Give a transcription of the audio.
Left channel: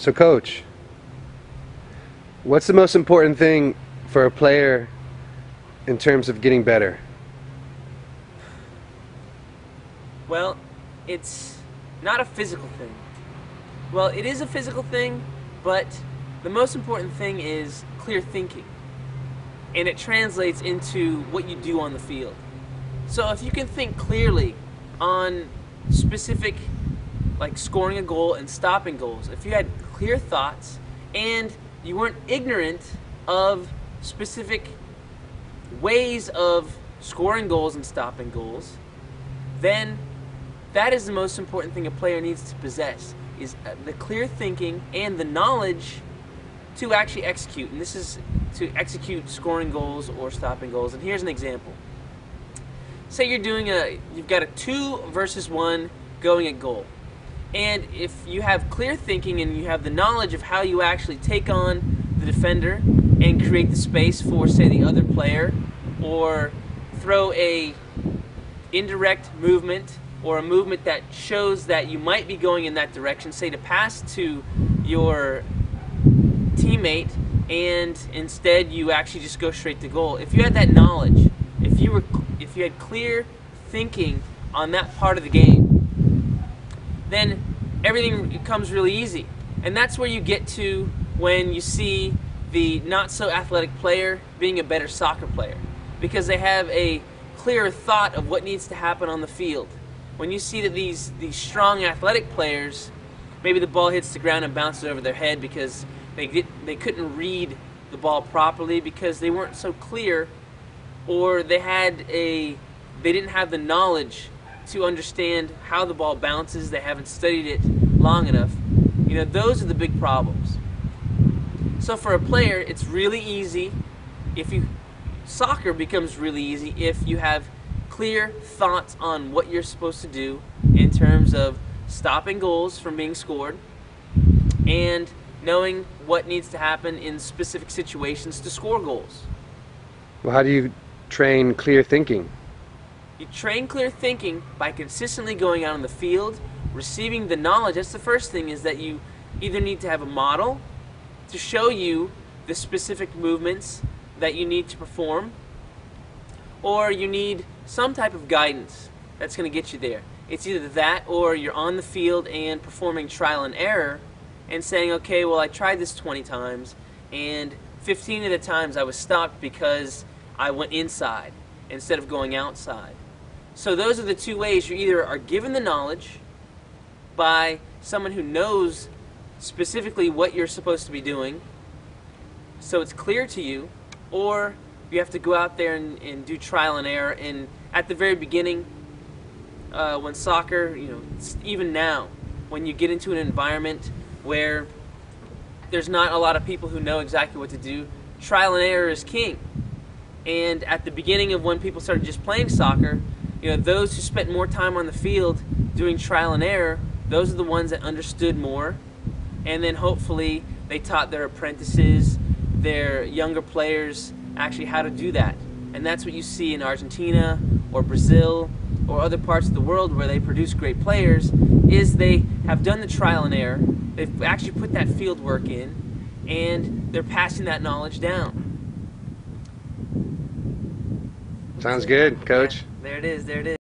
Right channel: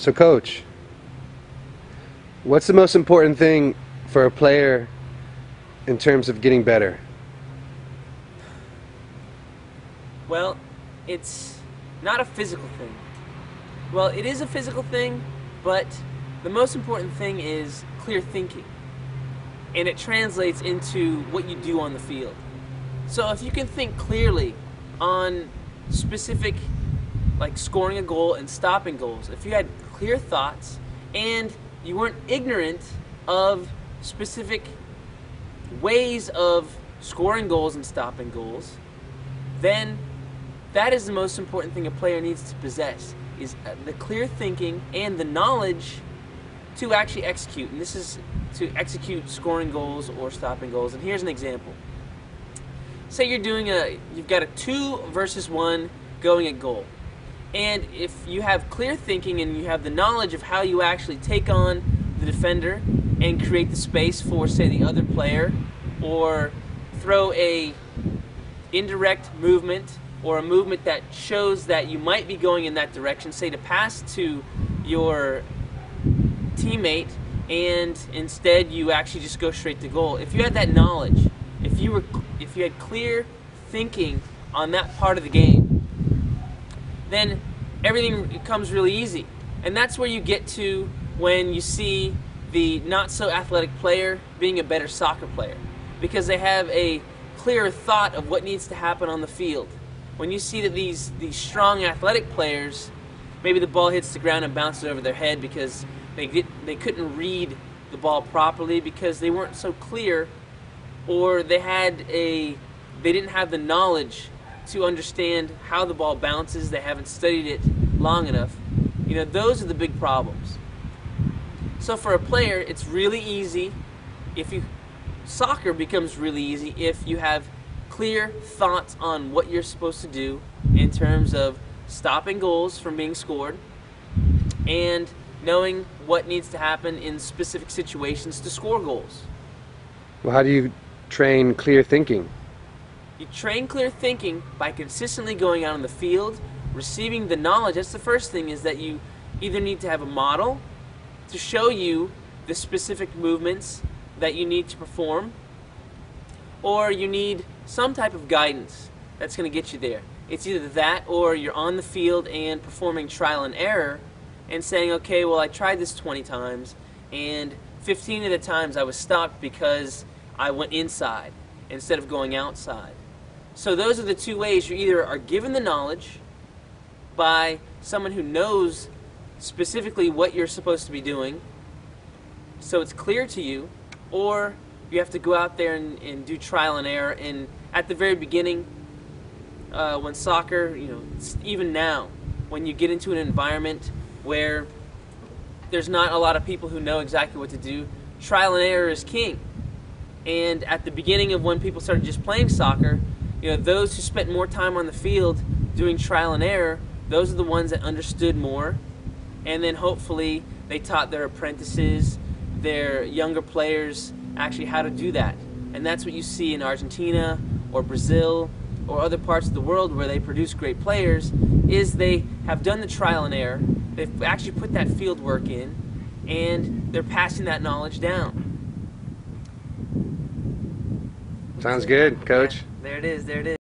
So, Coach, what's the most important thing for a player in terms of getting better? Well, it's not a physical thing. Well, it is a physical thing, but the most important thing is clear thinking. And it translates into what you do on the field. So if you can think clearly on specific, like scoring a goal and stopping goals, if you had clear thoughts and you weren't ignorant of specific ways of scoring goals and stopping goals, then that is the most important thing a player needs to possess, is the clear thinking and the knowledge to actually execute. And this is to execute scoring goals or stopping goals. And here's an example. Say you've got a 2 versus 1 going at goal. And if you have clear thinking and you have the knowledge of how you actually take on the defender and create the space for, say, the other player, or throw a indirect movement or a movement that shows that you might be going in that direction, say to pass to your teammate, and instead you actually just go straight to goal. If you had that knowledge, if you had clear thinking on that part of the game, then everything becomes really easy. And that's where you get to when you see the not so athletic player being a better soccer player, because they have a clearer thought of what needs to happen on the field. When you see that these strong athletic players, maybe the ball hits the ground and bounces over their head because they couldn't read the ball properly because they weren't so clear, or they didn't have the knowledge to understand how the ball bounces. They haven't studied it long enough. You know, those are the big problems. So for a player, it's really easy soccer becomes really easy if you have clear thoughts on what you're supposed to do in terms of stopping goals from being scored and knowing what needs to happen in specific situations to score goals. Well, how do you train clear thinking? You train clear thinking by consistently going out on the field, receiving the knowledge. That's the first thing, is that you either need to have a model to show you the specific movements that you need to perform, or you need some type of guidance that's going to get you there. It's either that, or you're on the field and performing trial and error and saying, okay, well, I tried this 20 times and 15 of the times I was stopped because I went inside instead of going outside. So those are the two ways. You either are given the knowledge by someone who knows specifically what you're supposed to be doing, so it's clear to you, or you have to go out there and do trial and error. And at the very beginning, when soccer, even now, when you get into an environment where there's not a lot of people who know exactly what to do, trial and error is king. And at the beginning of when people started just playing soccer, those who spent more time on the field doing trial and error, those are the ones that understood more. And then hopefully they taught their apprentices, their younger players, actually how to do that. And that's what you see in Argentina or Brazil or other parts of the world where they produce great players, is they have done the trial and error, they've actually put that field work in, and they're passing that knowledge down. Sounds good, Coach. Yeah, there it is.